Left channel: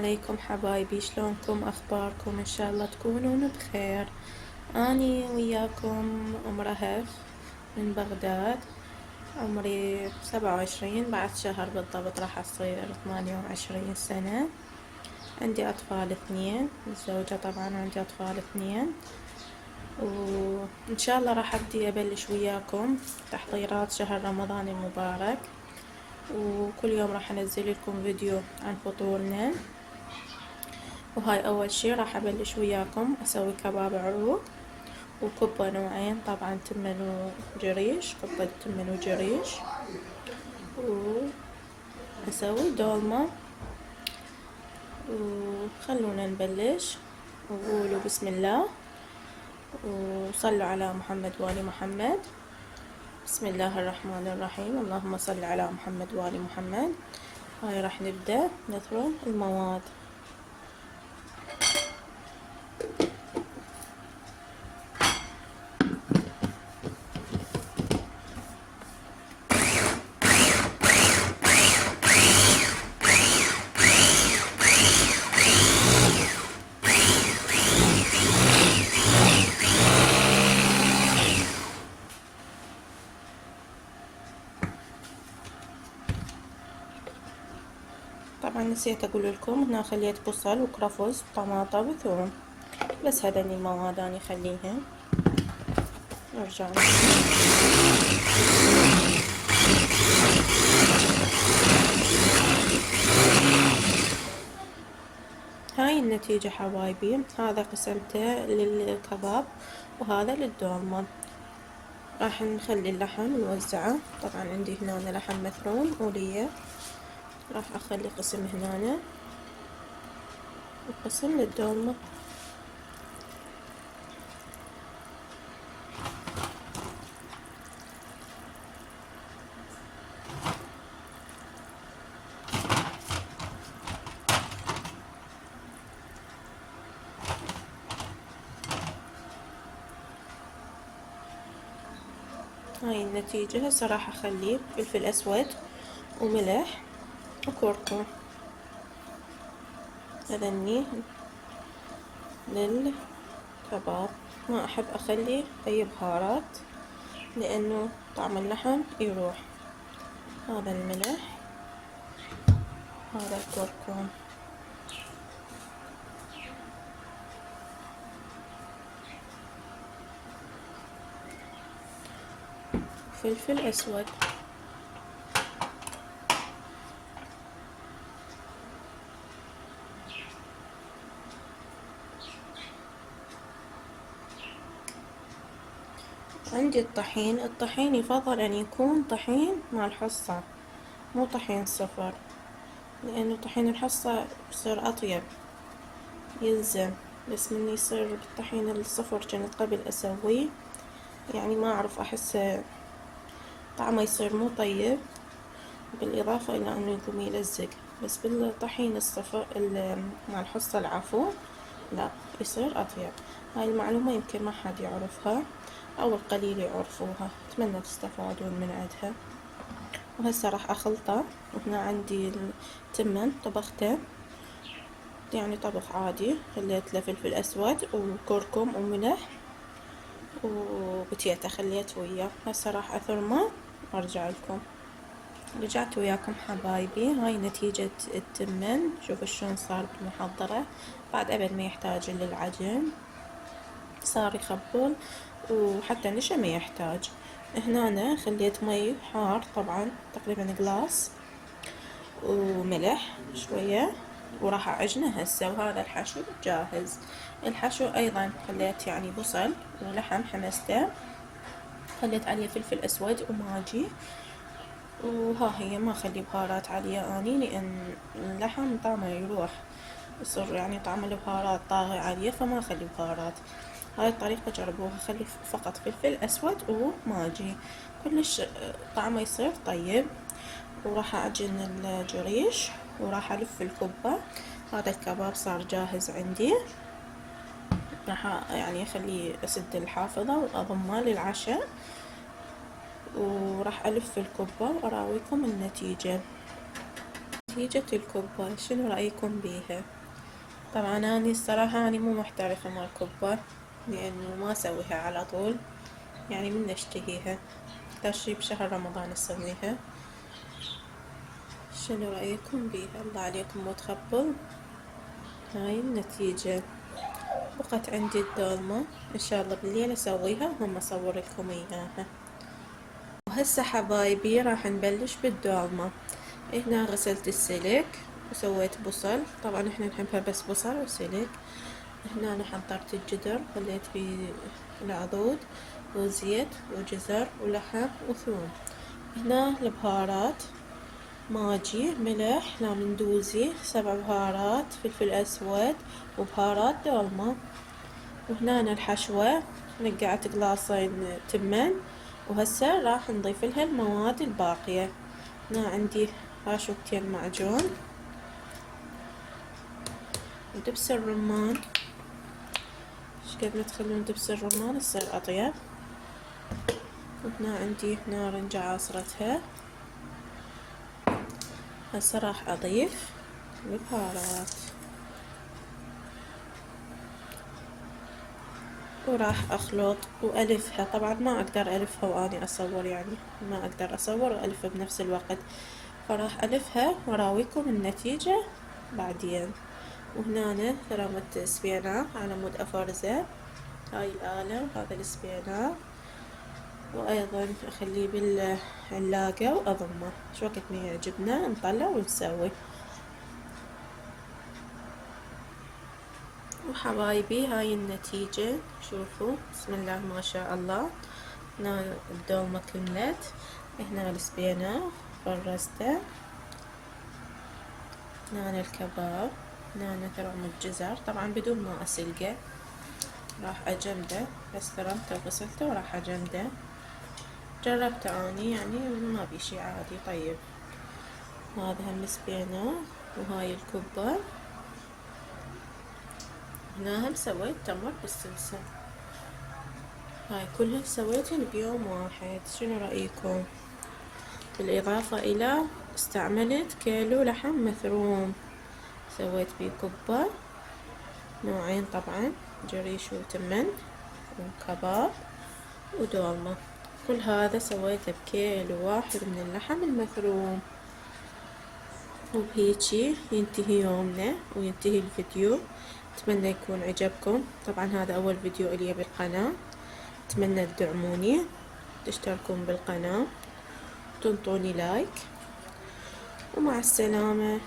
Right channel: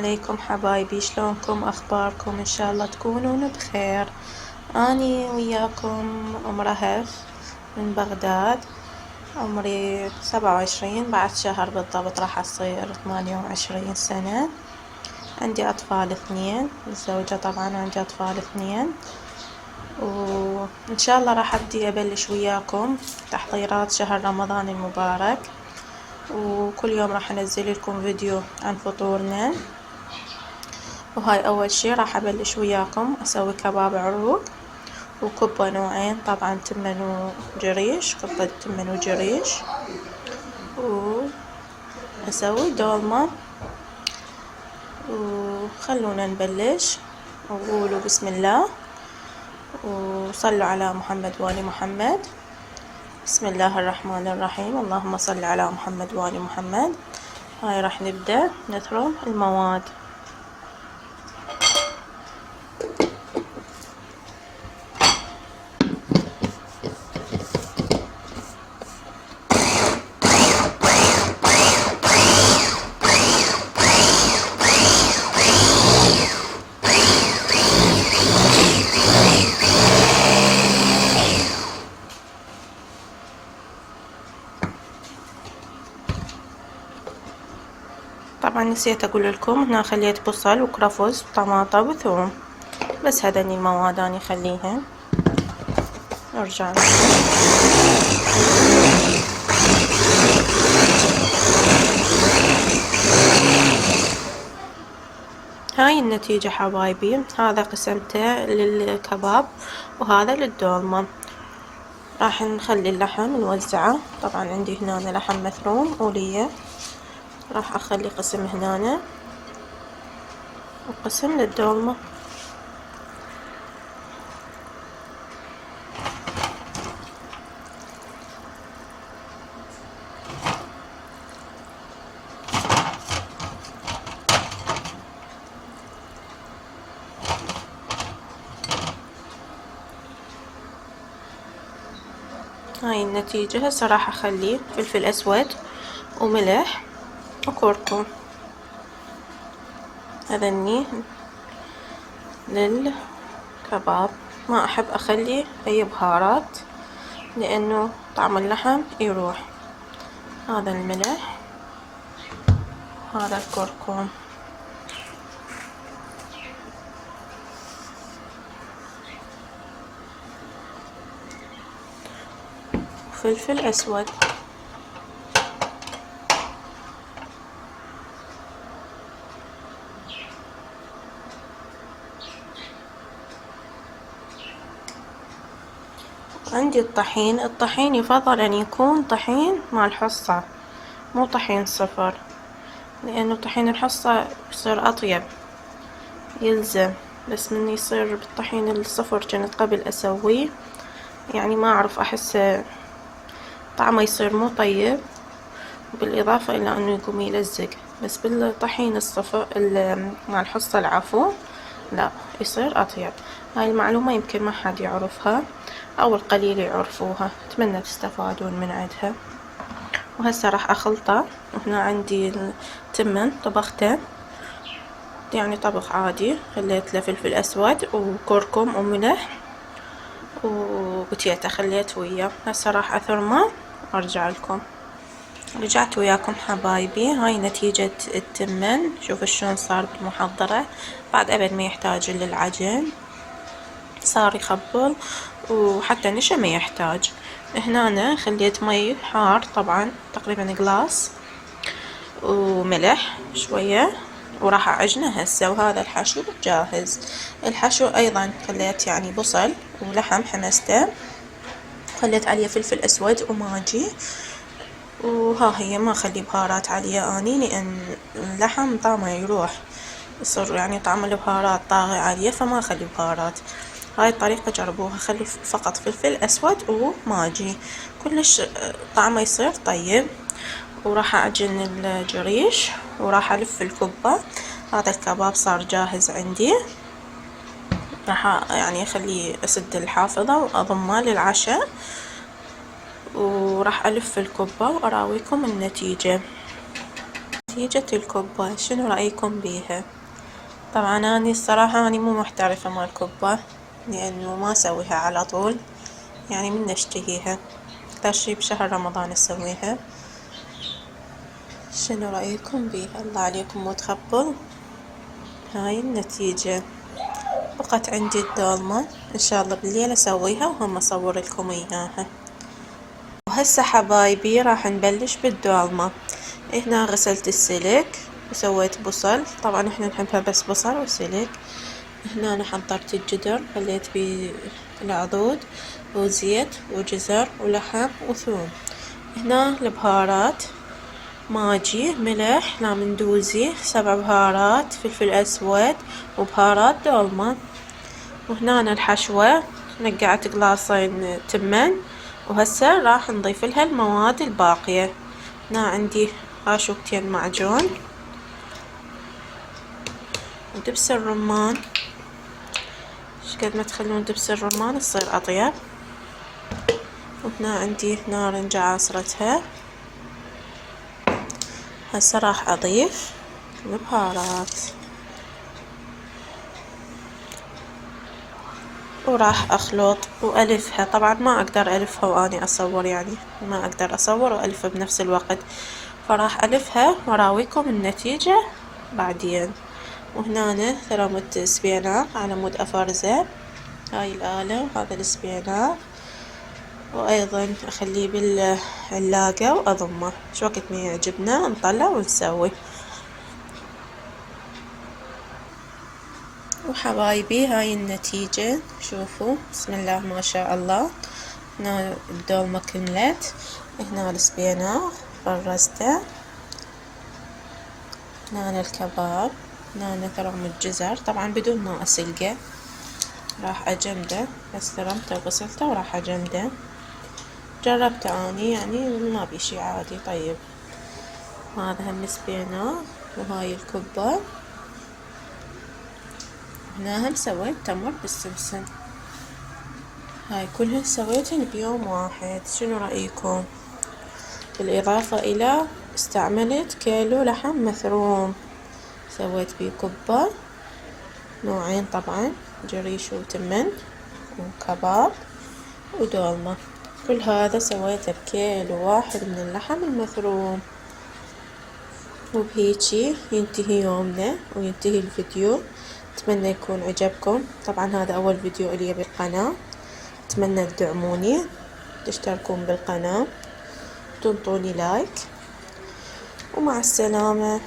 عليكم حبايبي، شلونكم؟ اخباركم؟ ان شاء الله تكونون بخير. اني وياكم ام رهف من بغداد، عمري 27، بعد شهر بالضبط راح اصير 28 سنة. عندي اطفال 2، متزوجة طبعا، عندي اطفال 2، وان شاء الله راح ابلش وياكم تحضيرات شهر رمضان المبارك، وكل يوم راح انزل لكم فيديو عن فطورنا. وهاي اول شي راح ابلش وياكم اسوي كباب عروق وكبة نوعين، طبعا تمن وجريش، كبة تمن وجريش، واسوي دولمة. وخلونا نبلش، وقولوا بسم الله وصلوا على محمد وآل محمد. بسم الله الرحمن الرحيم، اللهم صل على محمد وآل محمد. هاي راح نبدأ نثرم المواد. طبعا نسيت اقول لكم هنا خليت بصل وكرفس وطماطة وثوم، بس هذني المواد اني اخليها. نرجع هاي النتيجة حبايبي. هذا قسمته للكباب وهذا للدولمة. راح نخلي اللحم نوزعه، طبعا عندي هنا لحم مثروم ولية، راح اخلي قسم هنا وقسم للدولمة. هاي النتيجة. هسه راح اخلي فلفل اسود وملح وكركم، هذني للكباب. ما احب اخلي اي بهارات لانه طعم اللحم يروح. هذا الملح، هذا الكركم، فلفل اسود. عندي الطحين. الطحين يفضل ان يكون طحين مع الحصة، مو طحين صفر، لانه طحين الحصة يصير اطيب يلزم، بس من يصير بالطحين الصفر كنت قبل اسويه، يعني ما اعرف، احس طعمه يصير مو طيب، بالاضافة الى انه يقوم يلزق. بس بالطحين الصفر مع الحصة العفو لا، يصير اطيب. هاي المعلومة يمكن ما حد يعرفها او القليل يعرفوها، اتمنى تستفادون من عندها. وهسه راح اخلطه. وهنا عندي التمن طبخته، يعني طبخ عادي، خليت له فلفل اسود وكركم وملح وبتيتا خليت وياه. هسه راح اثرمه وارجع لكم. رجعت وياكم حبايبي. هاي نتيجة التمن، شوفوا شلون صار بالمحضرة بعد ابد ما يحتاج للعجن، صار يخبل وحتى نشا ما يحتاج. هنا أنا خليت مي حار طبعا تقريبا قلاص وملح شوية، وراح اعجنه هسه. وهذا الحشو جاهز. الحشو ايضا خليت يعني بصل ولحم حمسته، خليت عليه فلفل اسود وماجي، وها هي ما اخلي بهارات عليه اني، لان اللحم طعمه يروح، يصير يعني طعم البهارات طاغي عليه، فما اخلي بهارات. هاي الطريقة جربوها، خلي فقط فلفل اسود وماجي، كلش طعمه يصير طيب. وراح اعجن الجريش وراح الف الكبة. هذا الكباب صار جاهز عندي، راح يعني اخليه اسد الحافظة واضمه للعشاء، وراح الف الكبة واراويكم النتيجة. نتيجة الكبة شنو رأيكم بيها؟ طبعا أنا الصراحة أنا مو محترفة مال كبة، لأنه ما أسويها على طول، يعني من أشتهيها أكثر شي بشهر رمضان أسويها. شنو رأيكم بيها؟ الله عليكم مو تخبل. هاي النتيجة. بقت عندي الدولمة، إن شاء الله بالليل أسويها وهم أصور لكم إياها. وهسه حبايبي راح نبلش بالدولمة. هنا غسلت السلك وسويت بصل، طبعا احنا نحبها بس بصل وسلك. هنا أنا حضرت الجدر، خليت فيه العضود وزيت وجزر ولحم وثوم. هنا البهارات ماجي، ملح، لامندوزي، 7 بهارات، فلفل أسود وبهارات دولمة. وهنا الحشوة نقعت قلاصين تمن، وهسه راح نضيف لها المواد الباقية. هنا عندي قاشوقتين معجون ودبس الرمان، شقد ما تخلون دبس الرمان تصير أطيب. وهنا عندي نارنجة عصرتها. هسه راح أضيف البهارات وراح أخلط وألفها. طبعا ما أقدر ألفها وأني أصور، يعني ما أقدر أصور وألفها بنفس الوقت، فراح ألفها وأراويكم النتيجة بعدين. وهنا ثرمت سبيناق على مود أفرزه، هاي الآلة وهذا السبيناق، وأيضا أخليه بالعلاقة وأضمه، شو وقت ما يعجبنا نطلع ونسوي. وحبايبي هاي النتيجة، شوفوا بسم الله ما شاء الله. هنا الدولمة كملت، هنا السبيناق فرزته، هنا الكباب، هنا ثرم الجزر طبعا بدون ما أسلقه، راح أجمده، بس ثرمته وغسلته وراح أجمده. جربته اني يعني ما بي شي عادي طيب. هذا هم السبيناق وهاي الكبة. هنا هم سويت تمر بالسمسم، هاي كلها سويتهن بيوم واحد. شنو رأيكم؟ بالإضافة إلى استعملت كيلو لحم مثروم، سويت بيه كبة نوعين طبعا، جريش وتمن وكباب ودولمة. كل هذا سويته بكيلو واحد من اللحم المثروم. وبهيجي ينتهي يومنا وينتهي الفيديو. أتمنى يكون عجبكم. طبعا هذا أول فيديو إلي بالقناة، أتمنى تدعموني، تشتركون بالقناة، تنطوني لايك، ومع السلامة.